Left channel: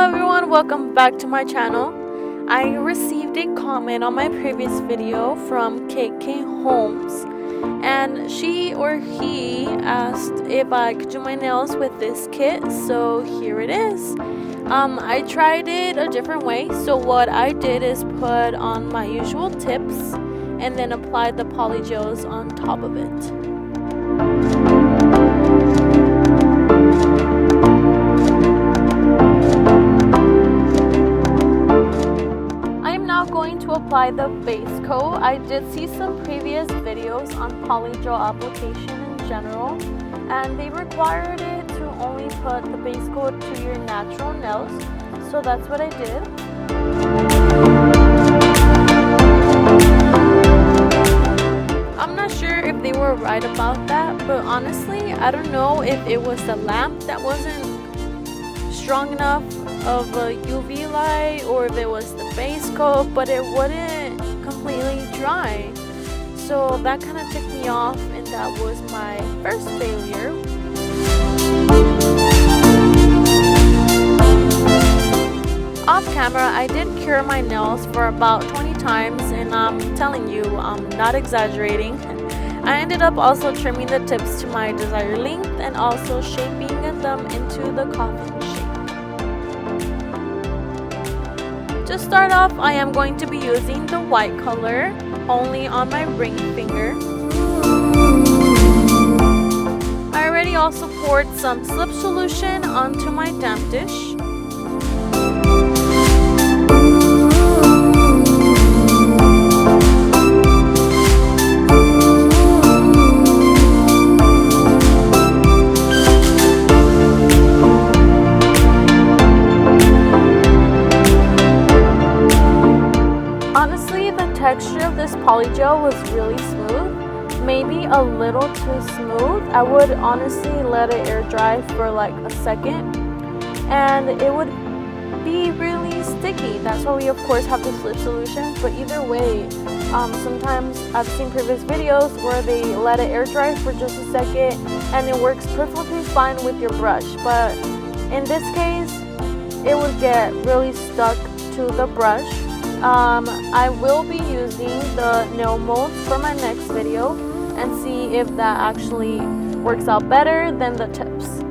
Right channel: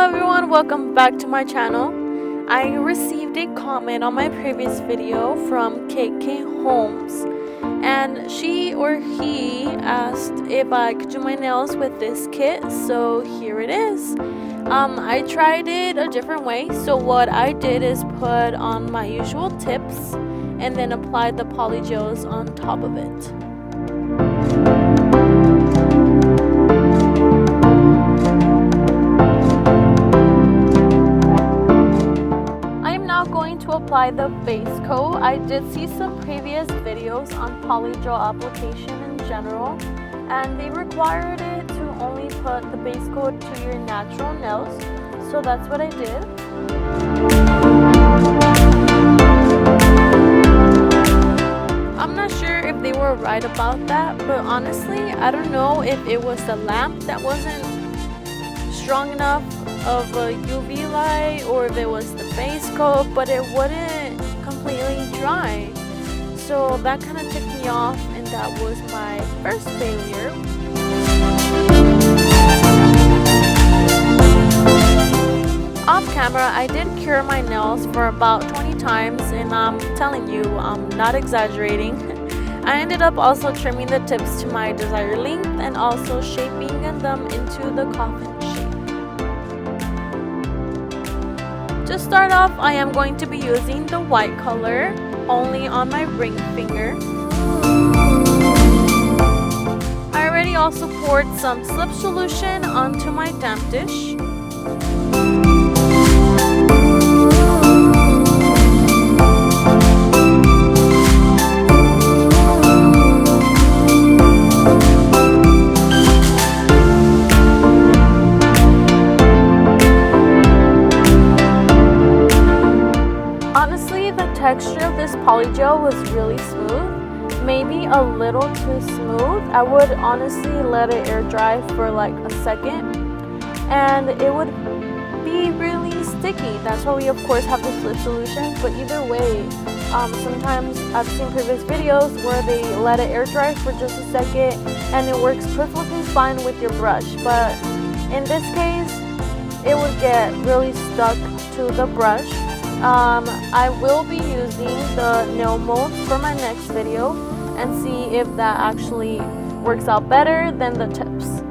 everyone, welcome back to my channel. I received a comment on my previous video from KK Holmes, and she or he asked if I could do my nails with this kit, so here it is. I tried it a different way, so what I did is put on my usual tips and then applied the polygels on top of it. Going to apply the base coat. I did see some previous videos on polygel application in general, and they required it to only put the base coat to your natural nails, so that's what I did. I'm not sure if they were right about that, but honestly I don't know if it was the lamp that wasn't strong enough of a UV light or if it was the base coat, but it wouldn't completely dry, so that kind of ticked me off, and that was my first failure. Off camera, I did cure my nails for about 20 times, and I'm telling you, I'm not exaggerating. I ended up also trimming the tips to my desired length and also shaping them into the coffin shape. To start off, I am going to be using the white color only on my ring finger. I already also poured some slip solution onto my damp dish. Honestly, the texture of this polygel was really smooth, maybe a little too smooth. I would honestly let it air dry for like a second, and it would be really sticky. That's why we of course have the slip solution, but either way, sometimes I've seen previous videos where they let it air dry for just a second and it works perfectly fine with your brush, but in this case it would get really stuck to the brush. I will be using the nail molds for my next video and see if that actually works out better than the tips.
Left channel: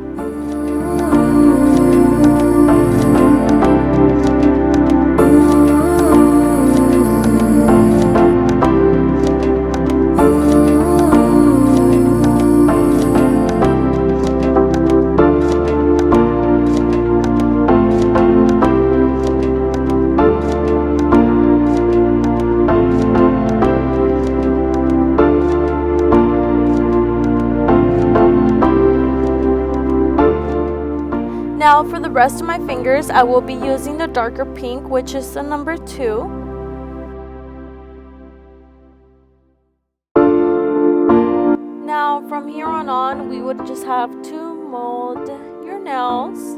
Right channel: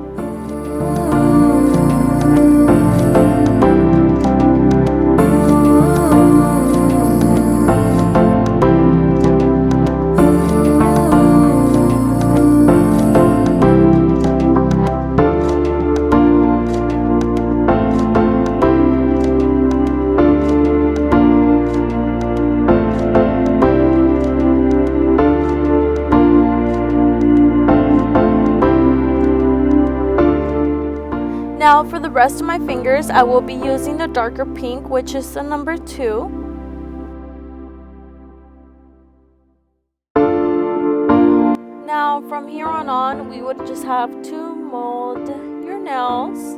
Now for the rest of my fingers, I will be using the darker pink, which is the number 2. Now from here on, we would just have to mold your nails.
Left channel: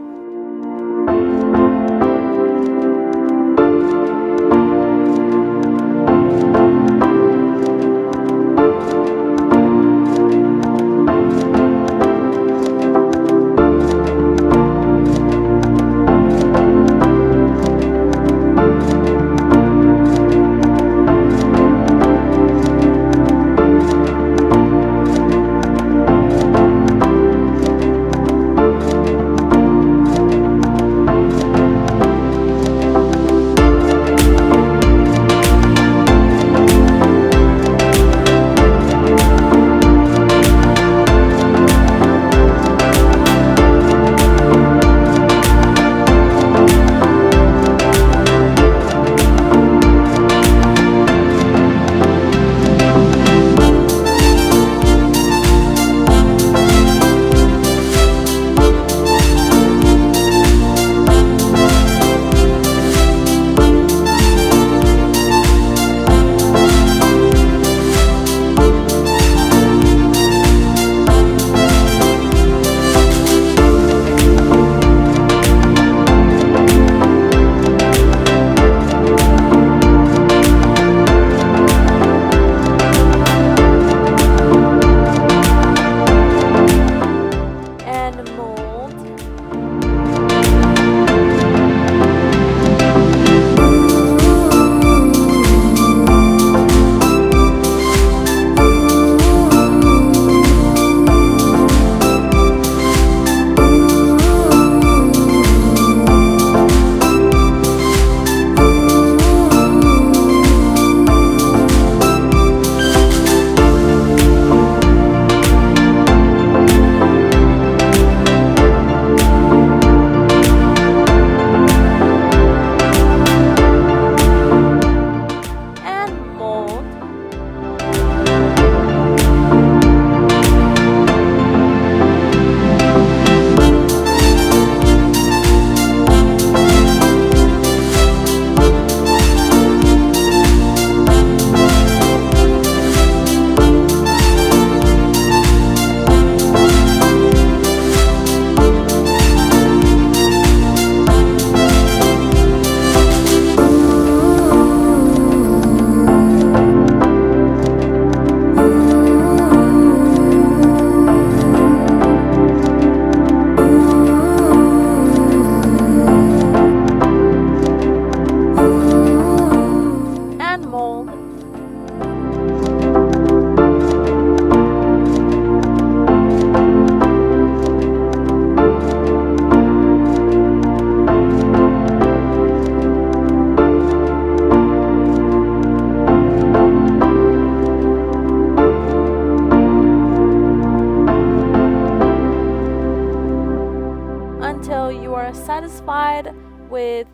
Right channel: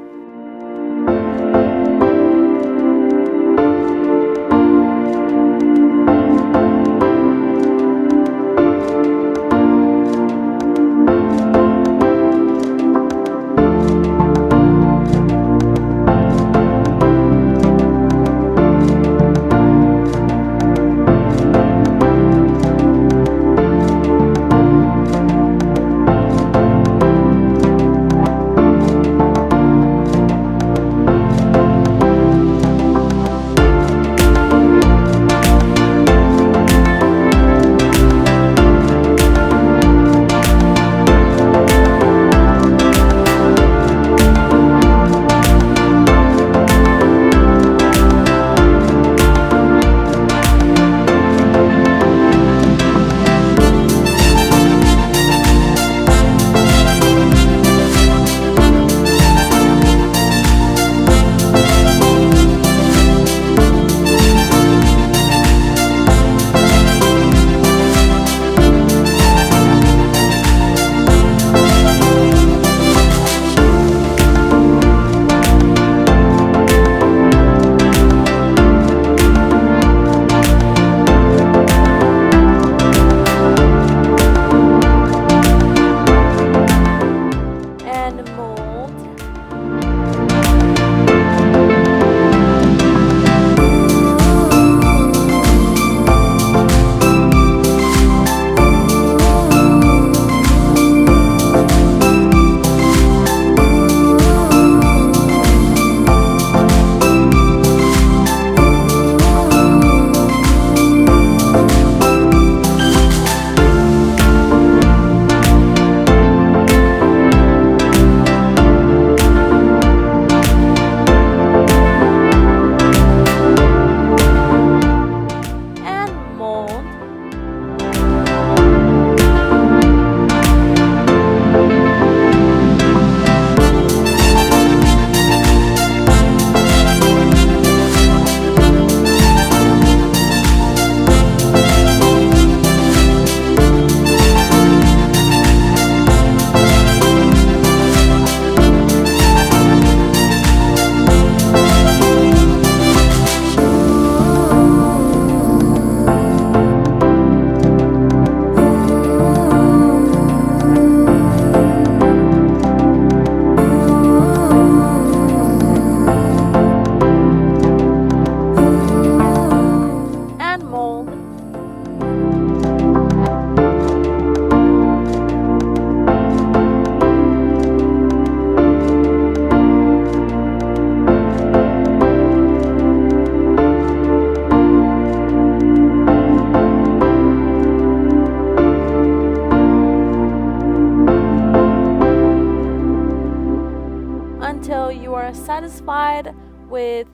until you are satisfied with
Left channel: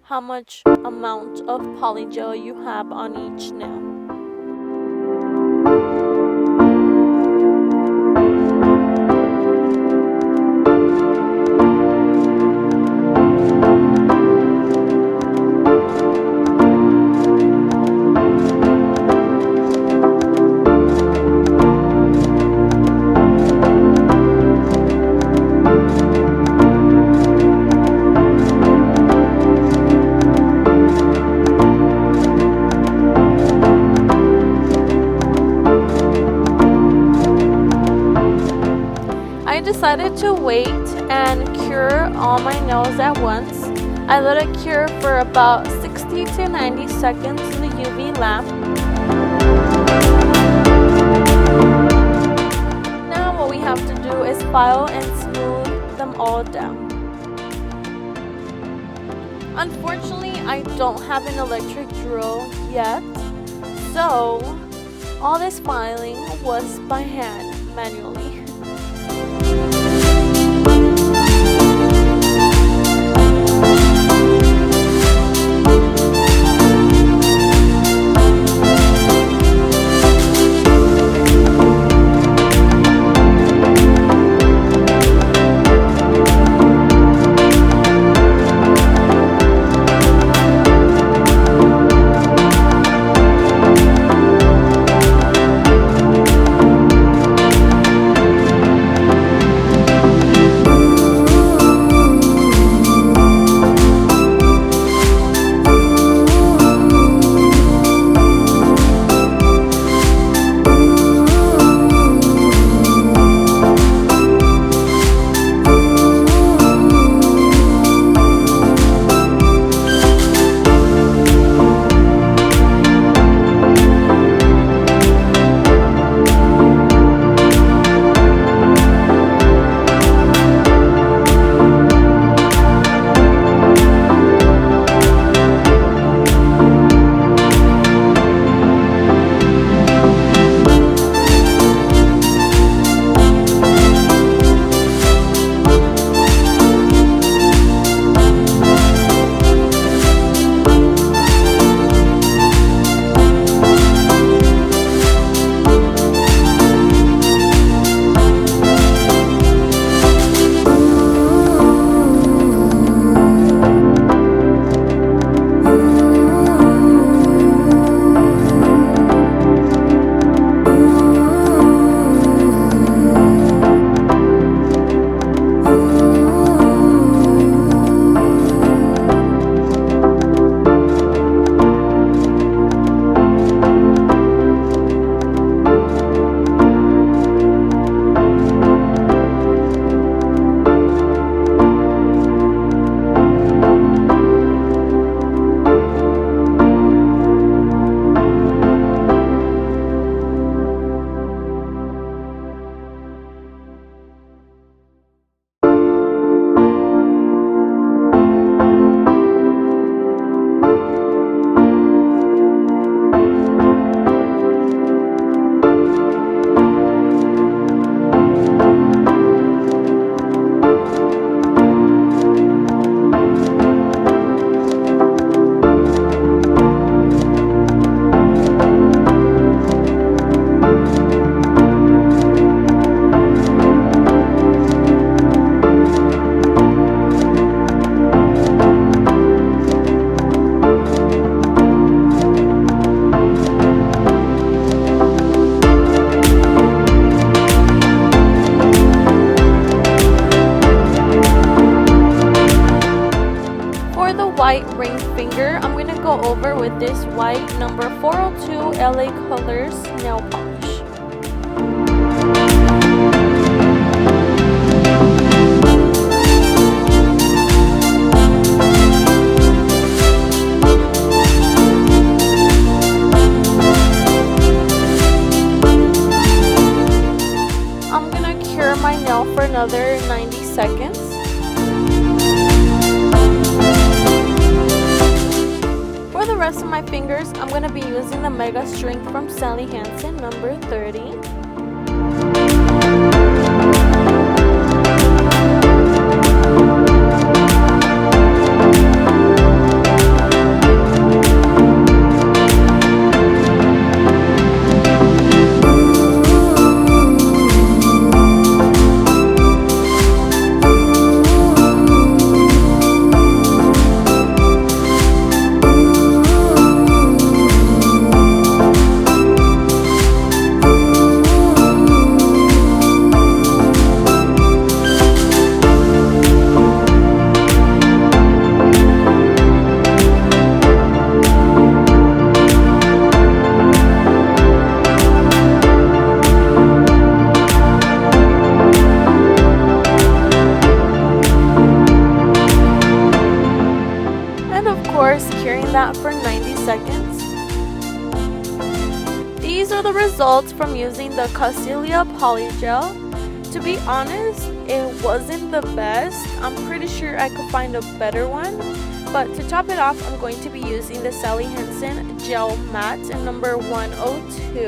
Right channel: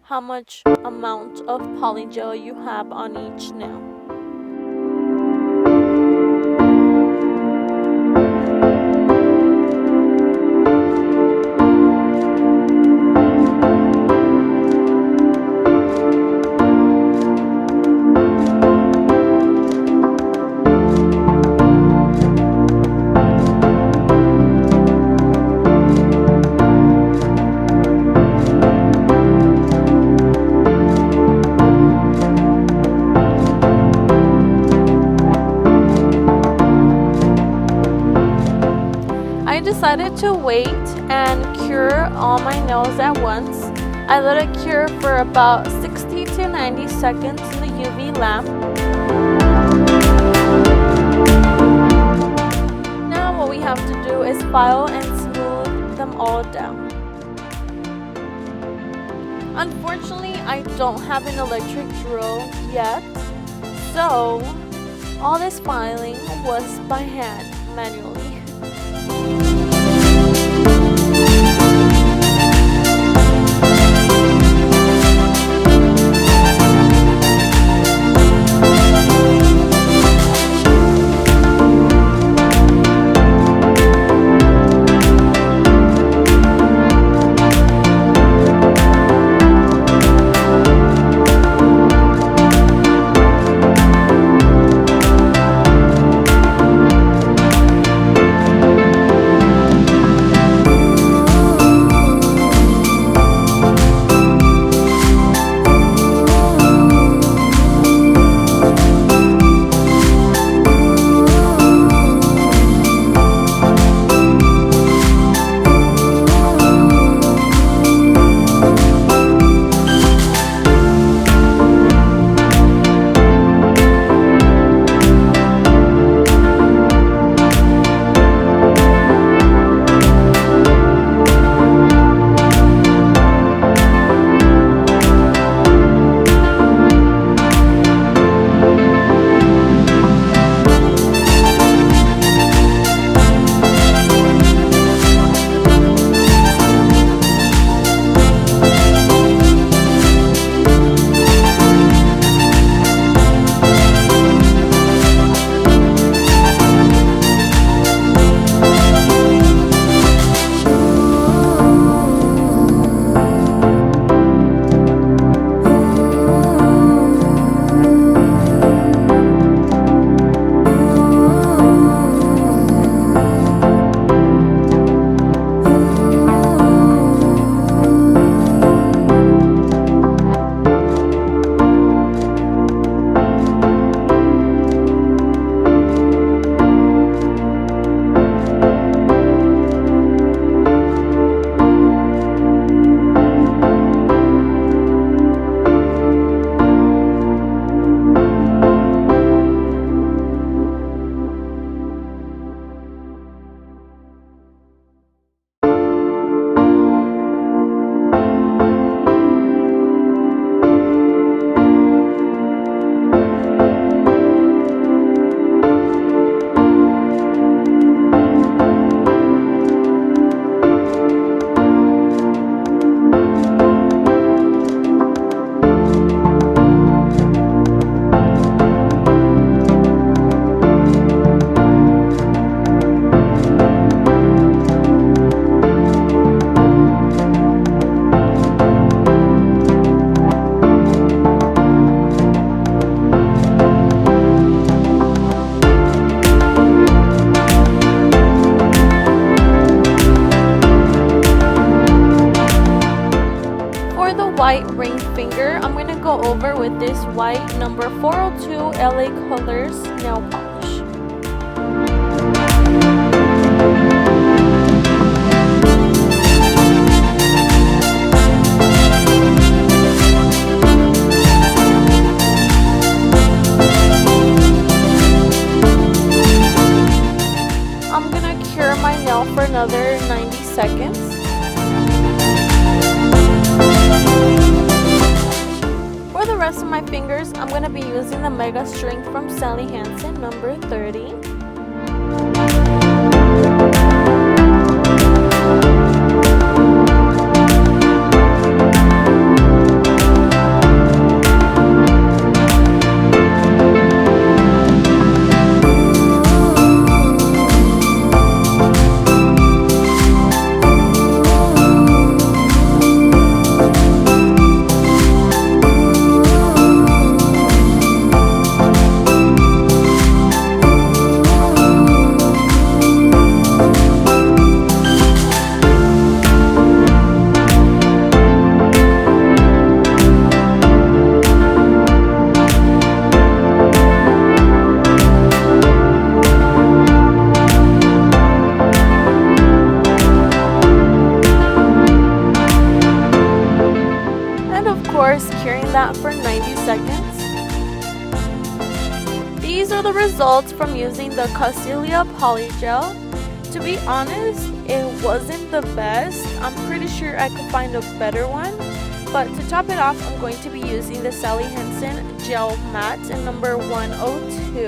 how much amount of polygel you have on each nail. I decided to wait and cure all my nails at once. I let it cure for about 60 to 90 seconds in the UV lamp. Now what we have to do is file and smooth them all down. Unfortunately, I don't have an electric drill yet, so all this filing was by hand, manually. White ring finger, I'm going to go over with this white number 402 LA Colors nail polish. I'm going to cure my nail for another 90 seconds. For the rest of my fingers, I'm going to be using the Mega Strength from Sally Hansen, number 30. course, curing that for 90 seconds. These are the results from using the Coscelia PolyGel. To be honest, it wasn't the best. I'm pretty sure I could find a better one. But to top it off, I'm going to be using the Sally Hansen Gel Matte in number 102.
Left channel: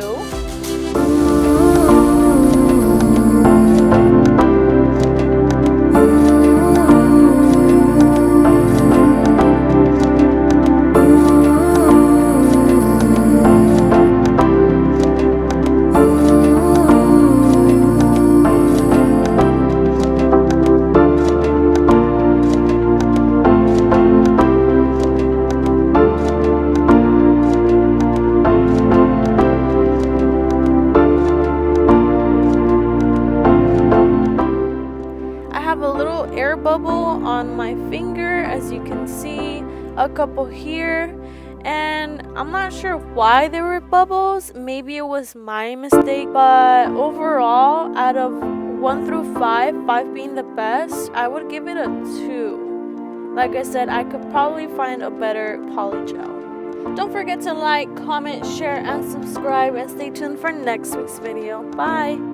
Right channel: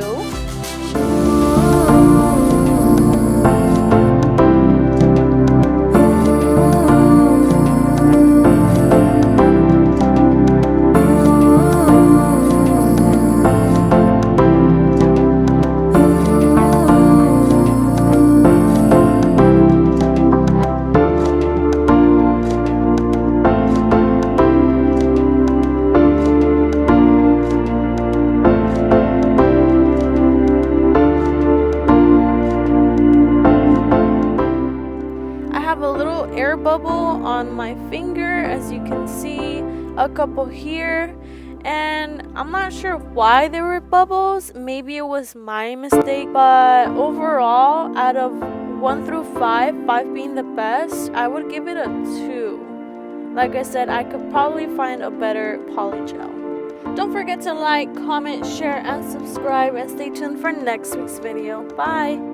A little air bubble on my finger, as you can see, a couple here, and I'm not sure why there were bubbles. Maybe it was my mistake, but overall, out of 1 through 5, 5 being the best, I would give it a 2. Like I said, I could probably find a better polygel. Don't forget to like, comment, share, and subscribe, and stay tuned for next week's video. Bye!